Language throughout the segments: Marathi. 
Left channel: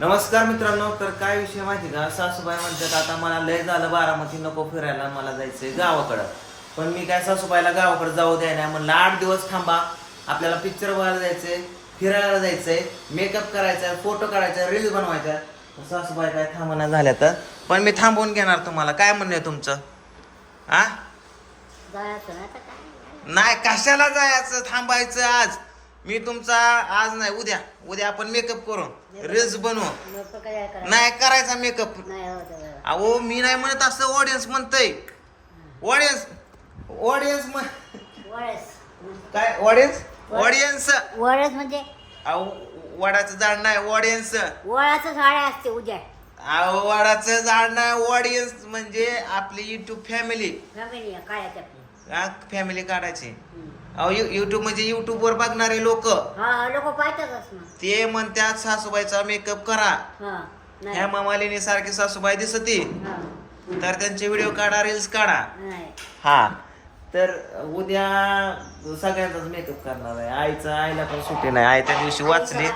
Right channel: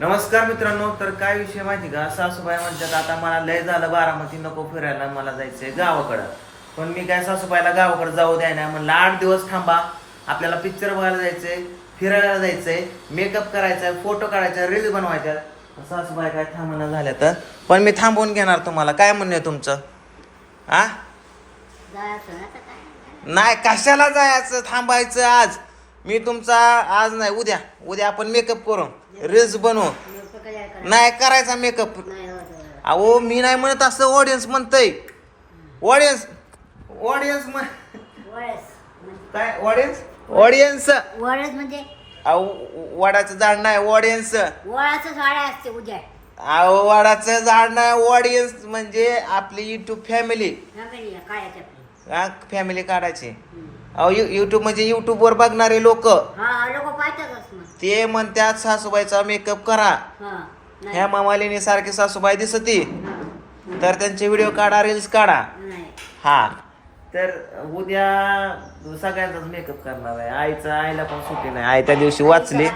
नमस्कार मित्रांनो तर काय विषय माहिती का? सासूबाई म्हणतात आता मला लय झालं बारामती नको फिरायला मला जायचंय गावाकडं. पण मी काय सासूबाईला गावाकडे जाऊ द्याय नाही म्हणलं आठ दिवस थांबा आपल्याला पिक्चर बघायला जायचंय फिरायला जायचंय मेकअप करायचा फोटो काढायचा रील बनवायचा सासूबाई काय थांबणं झाल्या तर? पण मी थांबवून घेणार तुम्हाला. काय म्हणणं आहे तुमचं? आ? जायचं नाही कशाला जायचं थांबायचं आज? मी तुमचा आज नाही उद्या उद्या आपण मेकअप करू. रील्स बनवू. नाही करायचा मेकअप अहो मी नाही म्हणत असं ऑडियन्स म्हणतय. ऑडियन्स ऑडियन्स वळस काय ऑडियन्स ऑडियन्स वळस म्हणजे अहो वडाचं झाड नाही ऑडियन्स वळाचं झाड असते उद्या अहो वडाचं झाड नाही ऑडियन्स म्हणजे आपली युट्यूब फॅमिली फॅमिली काढायची अहो युट्यूब म्हणजे युट्यूब वर बघणारे लोक. हा लोक पाहतातच ना ते म्हणतात सासूबाईचा मेकअप करा. हा नाही. ह्या मामालिनी सारखी सासूबाई दिसती. हा. तर त्यांचे व्हिडिओ काढा रील्स काढा. नाही. हा. तर उद्या सगळ्यांचाच मेकअप करणार आहे. आईचं आईला पण सुट्टी नाही. आई त्या दिवशी वाचली.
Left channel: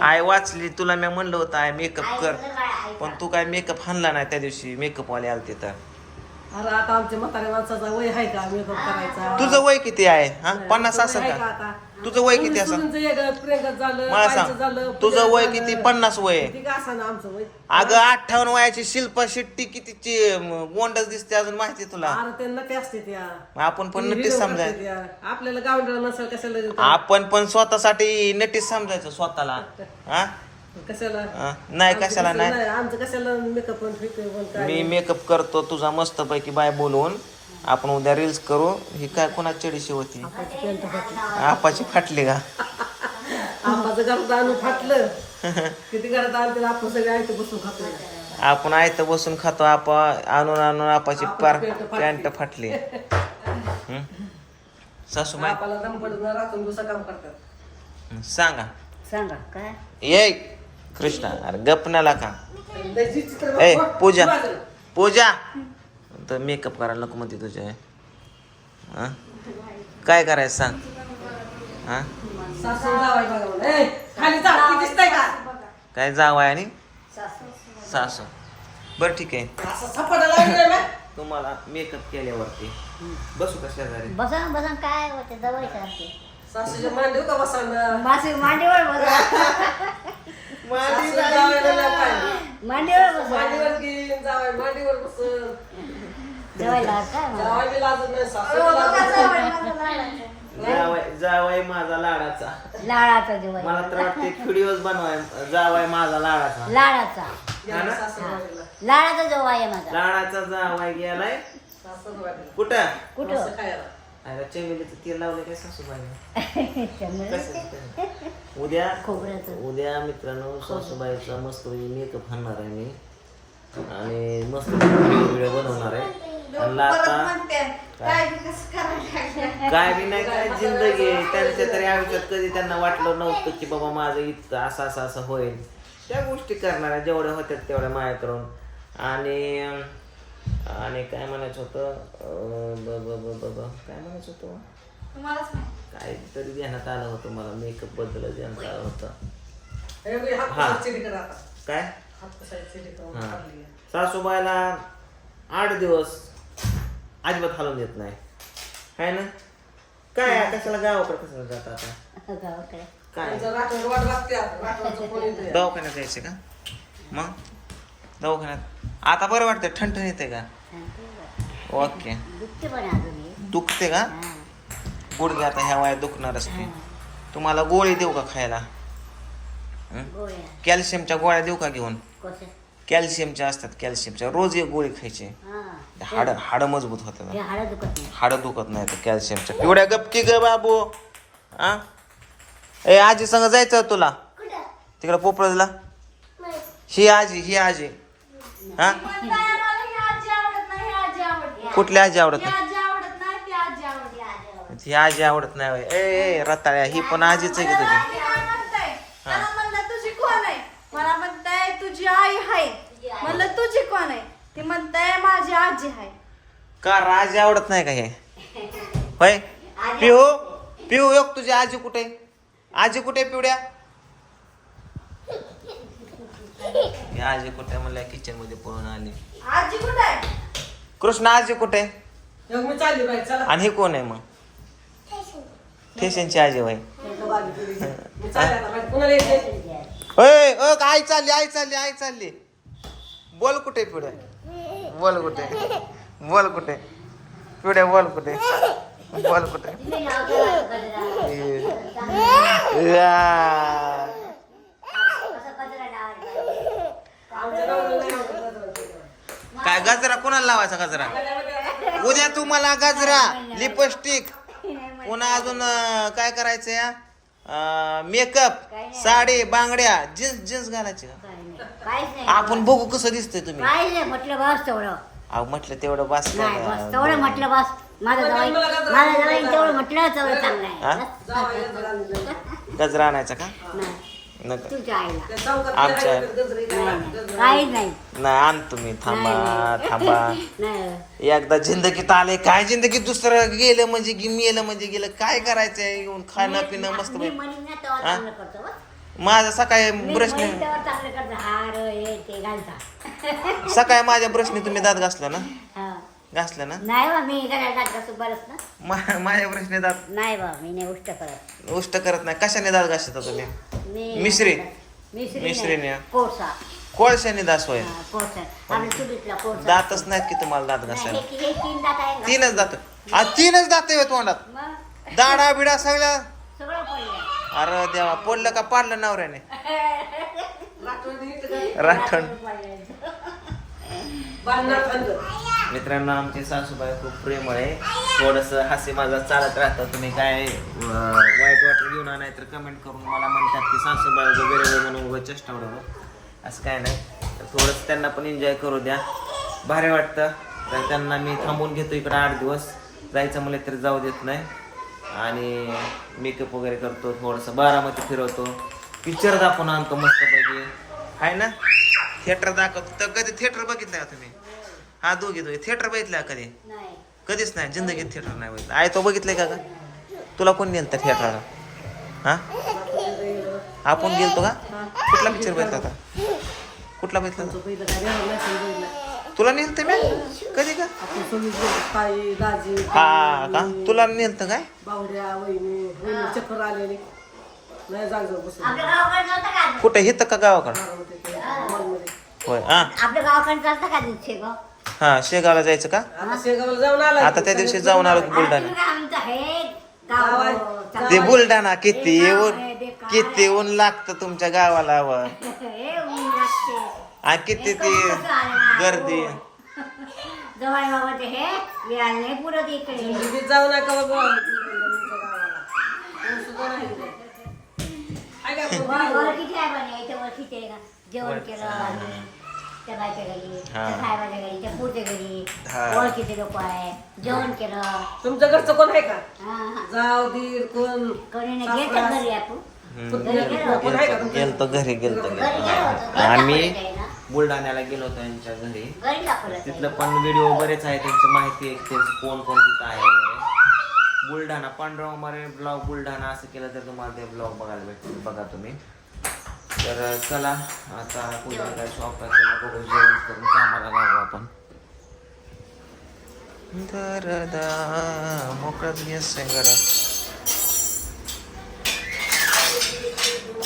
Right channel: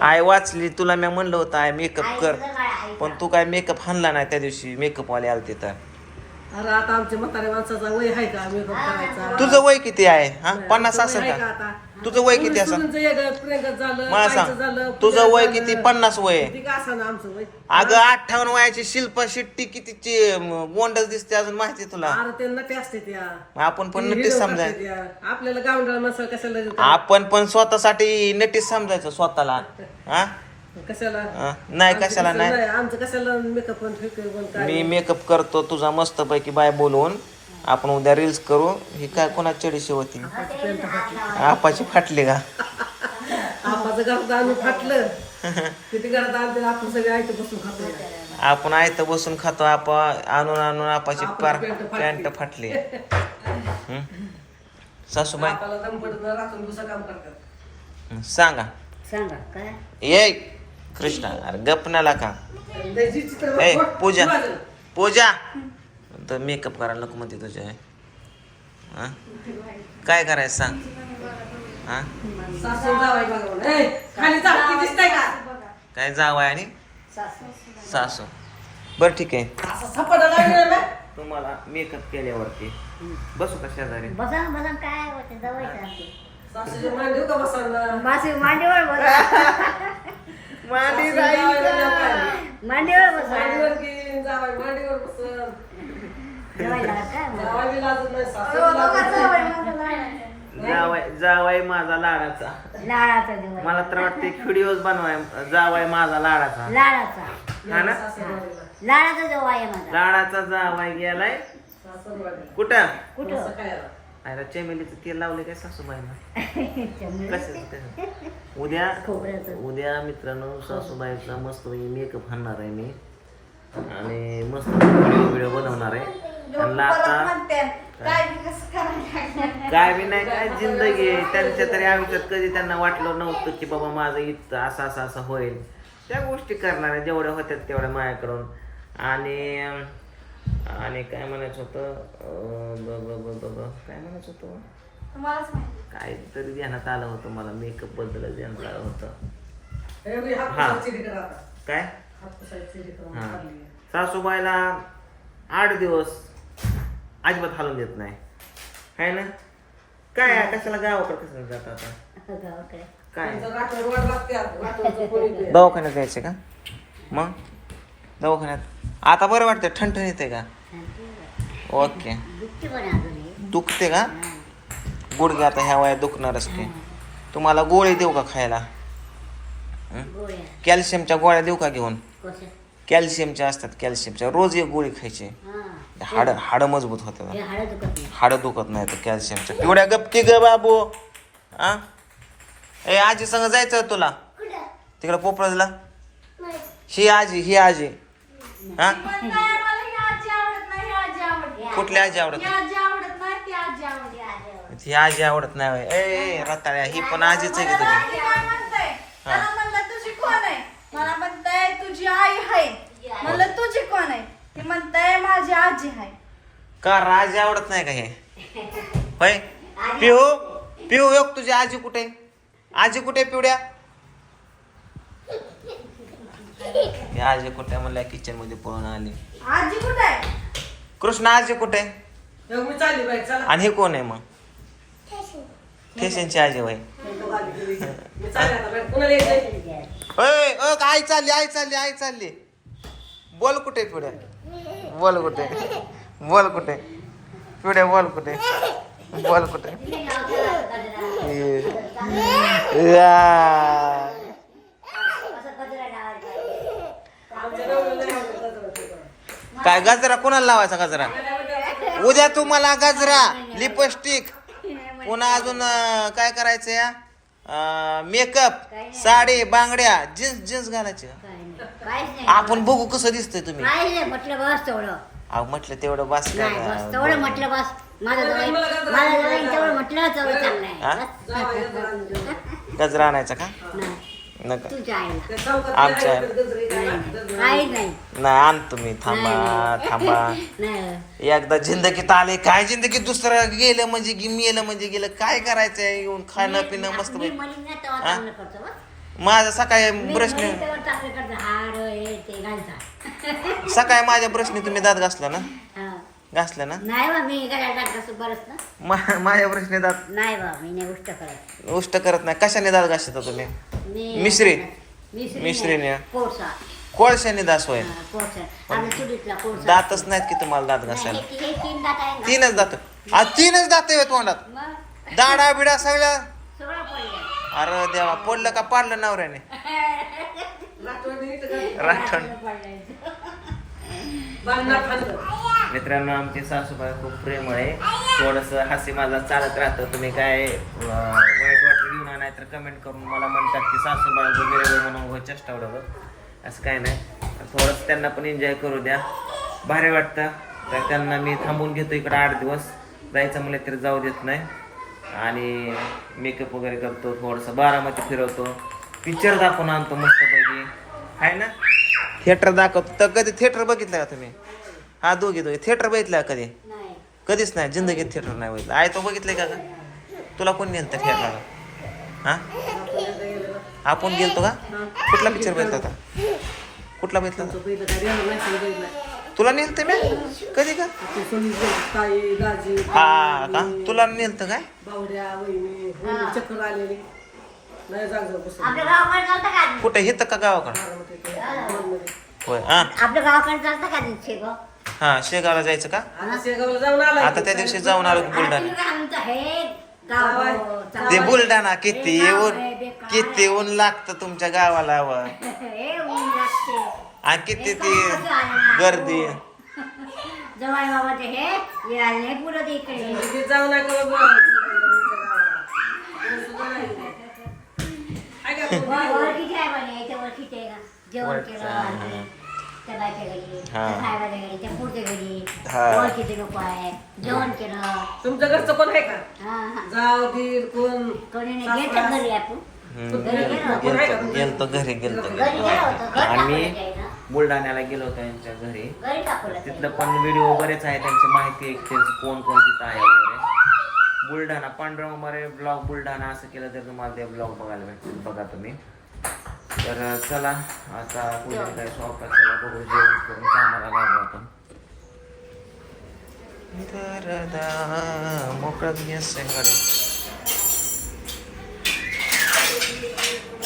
आई वाचली. तुला मी म्हणलं होतं आई मेकअप कर. पण तू काय मेकअप हाणला नाही त्या दिवशी. मेकअप वाले आलते तर. अरे आता आमच्या म्हाताऱ्या माणसाचा वय आहे का? मेकअप करायचा. तुझं वय किती आहे? हा? पन्नास तुझं असेल आहे का? आता? तुझं वय किती असेल? झालं मला सांग. तुझं वय. किती? पन्नास वय. आहे. किती का असा ना आमचं वय? अगं अठ्ठावन्न वयाची शिल्पा शेट्टी कितीची गोंडच दिसते अजून माहिती आहे तुला. अरे ते नटे असते त्या? आपण पण नक्कीच video समजाय त्या. आपल्याला कशाला? आपण पण स्वतःसाठी नटीच समजायचं स्वतःला. हा? कशाला? नाही कशाला नाही. आमचं कशाला मेकअप मी मेकअप करतो तुझा मस्त पैकी बाय बोलवून. आपण उद्या रील्स करू. ही काय कोणा चडीशी होती? आपाची फाटली. का? आपाचं घरात आणून फाटलं. किती घरात आणलं आपण सगळे ऐकत बसून खातो. आपण आयत बसून खातो आपा आणून आणून आपाची पार पॅन्ट फाटली? सासूबाई? सांगा. सांगा काय? ये. कृष्णा अरे गपनाला का लय जी चित्र ए पूजा. पूजा. तर मेकअप करायला नको म्हणते तुझ्या हं? काय करायचं सांग. हा? का? काय जावाय आणि? सासू. बरं ठीक आहे. तुम्हाला मेकअप केल्यावरती. बसू का शेजारी? बसा ना, बसा काय होते? सासूच्या मांडीवर का बसा. मांडी पाहिजे. मांडीवर बसा मांडीवर घेईन, जावाई मांडीवर बसन. जेवायला काय मग? जावाई बी लाजत नाही, सासू बी लाजत नाही. जावाय जावाय माझा लाडाचा लाडाचा जेवण मला तर वाटते व्हिडिओज बनवाय जावाय माझा लाडाचा लाडाचा हा ना सासूरवाडीला. लाडाचा जेव्हा आहे माझा लाडाचा जावाय गेलाय सासूरवाडीला. कुठं कुठं? आयला चमेलीचं तेल लावले काय सासूबाईनं? कसं? उद्या. उद्या मित्रांनो सासूबाईचा मस्त मेकअप हाणणार आहे मी. आणि मस्त व्हिडिओ बनवणार आहे. त्यांना आता काय? काय बी नाही काय जिंदगी आहे. त्यांच्या तरी आयुष्यात कधी त्यांना वाटलं नव्हतं की बाबा माझं इतकं असं असं असं होईल. त्या गोष्टी करणार आहे जेवढ्या होत्यात तेवढ्या माया करून. आणि आणि काय म्हणायचं होतं? ब- ब- काय म्हणायचं होतं? काय तरी ध्यानात आलं होतं मला. मेकअपबद्दल ध्यानात आलं होतं. हे. हा. काय? हा. सासूबाईला आठ दिवस अजिबात हलवून देत नाही. आहे ना? काय? कशाला गावाकडे कशाला जात आता? काय. दवाखान्यात जायचं का? मग? दवाखान्यात. आता बरं वाटतं ठणठण येते का? ओके. दुखते पण अजून हे. दुखते का? गुडघे आता ह्या वयात दुखणारच की. तुम्हाला गोळी देऊ का खायला? गोळ्या कॅल्शियमच्या गोळ्या देऊ का घेऊन? कॅल्शियमच्या असतात कॅल्शियमच्या. रोज एक गोळी खायची. हा हाड हाड मजबूत होतात. हे हाडं दुखत नाही. हाड दुखत नाही तर कॅल्शियमच्या. एवढ्या गपकी ग बाबू. आ? ए आजी संग जायचं तुला? तिकडे पोपळला ही आजी ही आजी. हा? कुठली आजी आवडत नाही ही आजी आवडत नाही. ए ए रताळ्या ही पण आजीच आहे की तुझी? मला म्हणलं तुझी कोण आहे? मला म्हणताय तुझी आई आहे. म्हणलं तुझी कोण आहे? ती म्हणताय माझी आजी आहे. का रे, आजी आवडत नाही का हे? होय? पिऊ पिऊ योग तुझी आजी कुठे? आजी कुठे पिवड्या? की आजी कुठे म्हणल्या किचनमध्ये पळून आली. आजी कुठे आहे? कृष्ण आजी कुठे? मग मी चालली बाई चला. आणि हे कोण आहे मग? ठेशनची आजी बाई. तो गाडी गेली. मी चालली आता बाई. पुन्हा यायचंय. ए, अ, आई चालली आई चालली आई चालली. बोल कुठे पुढे बोल कुठे बोल कुठे पुढे बोल कुठे बोल कुठे या. आमच्या गावाला नाही आवडत. काय गजरा कोणाला लावायचा गजरा? उद्या तुम्हाला गजरा लिपस्टिक पुन्हा अजून अं, काय करायचं या? मेकअप साडी बांगड्या जीन्स जीन्स घालायची. का? काहीच नाही आपण बघू कसं दिसतंय तुम्ही. काहीच नाही म्हटलं बस तेवढं अहो म्हटलं तेवढं बस नाही बस तेवढं म्हटलं बस. माझं जवळ माझं जवळ तेवढं म्हटलं तेवढं चांगलं? आहे. बस. जाऊ आई, जरा आणून दे. गजरा आणायचा का? नाही. नका. आईला. आमच्या-. नाही नाही काहीच नाही. नाही आण तुम्ही थांबा नाही. थांबा. नाही. एकदा जिंदगीत आले काय जिंदगीत दुसरं? गेलं म्हणजे गे- मेलं म्हणजे गेलं. काय करायचंय? येऊन खाणं पिणं मस्त मी म्हणीन ना तेव्हा? चांगलं करतो बस. माझा सकाळी मी ब्रशने म्हणीन तेव्हा चांगलं करतो. हार हे ते घालता. सकाळी माझ्या ब्रशने तुम्ही दात घासला ना? हा. घासला ना? नाही बा मी घराला जात कसं बरंच ना मा- माझ्या ब्रशने दात नाही बा मी नाही गोष्ट करत. उष्ट करत नाही. कशाने दात घासता तुम्ही? मी मिसरी? मिसरी मिसरीने? नाही. कोळसा. कोळशाने दात होय. हा, कोळसा. आपल्या चुलीतला कोळसा. दातच नाहीत की तुम्हाला दात नाही, घासायला? हे हे तीन दात आहे ना. तीनच दात आज तीनच दात आहेत तोंडात. मग? दाडा बिडा सगळ्या सगळं पडलं. अरे देवा पडलं का पाडलं नवऱ्याने? राखण बांधणार खाल्लं. मित्रांनो आमचे सासूबाई खूप प्रेमळ आहे. थोडस हास्य माझा चालत राहतं. तुम्ही काय वाईट वाटलं घेऊन नाही तर कमेंट करून मला म्हणतात की सासूबाई वगैरे वेगळे म्हणून उगं चेष्टा असं काय नाही. तर थोडंसं त्यांना पण एन्जॉय करू द्या. भारी वाटतं. तर त्यांना मी थांबून घेतो इकडं आठ दिवस. जायचं म्हणलं तरी जाऊ देत नाही. आणि मेकअप वगैरे करतो थोडंसं बारामती फिरवतो. पिक्चर दाखवून आणतो मस्तपैकी. आहे ना? थिएटर दाखवतो. तर कधी थिएटर बघितलं का तुम्ही? हा दोघे दोघे. थिएटर बघितलं कधी? नाही. कधीच नाही. जिंदगीत थिएटर नाही बघितलं. आय तो बघितलंय का का तुला कोण गेलं थिएटरला हा? आपण गेलतो का? कुठला पिक्चर बघितला होता? कुठला बघितला होता? तुला नेलतं मी? कधी का? हा का? तुला नेलतं काय? कुठे? हिथं का गावाकडं. होय हा. आपल्या गावाकडे चालतं का शेगाव? हा शेगावला जायचं का? आता शेगावला जाऊन आला आता त्या दिवशी जाऊन आलो बुलढाणा. हे ते बुलढाणा किती गाव ऊन आहे, बेकार किती ऊन लागतं तुमच्या गावाला व हे किती ती? गर्दी जवळ बाबा ते हे इकडे. तिथे जाऊ नका बाबा. आहे म्हणे? इथे आहे का जेवण केलं. त्या बायच्या घरी त्या. साहेबाच्या घरी त्या पुढच्या घरी. हा. ओळखीचे लोक आहे. जेवण केलं. तुमच्या घरचं कोण आहे का? हा हा. जाव कोण? कोणी नाही. गेलं घरी आपण. हम्म, घरी गेलो होतो. गेलतो गेलतो. घरी गेलतो. घरी गेलो होतो. घर आम्ही दाखवलं. बुलढाण्याला गेलो होतो यांच्या घरी. घरी दाखवलं तिथलं पण व्हिडिओ बरेच आहे त्यांची माहिती आहे त्यांचं कोण कोण तिथं आहे वगैरे. बुलढाणा पांडुरंग मारे ब्लॉग बुलढाणा असं केलं तर तुम्हाला ते ब्लॉग बघायला भेटतील बघा तुम्ही. तर चला आता पुढे काय शॉप बघू जेवण करून कामाला लागू आपण. दरदा मोकळाच गॅस आहे घरात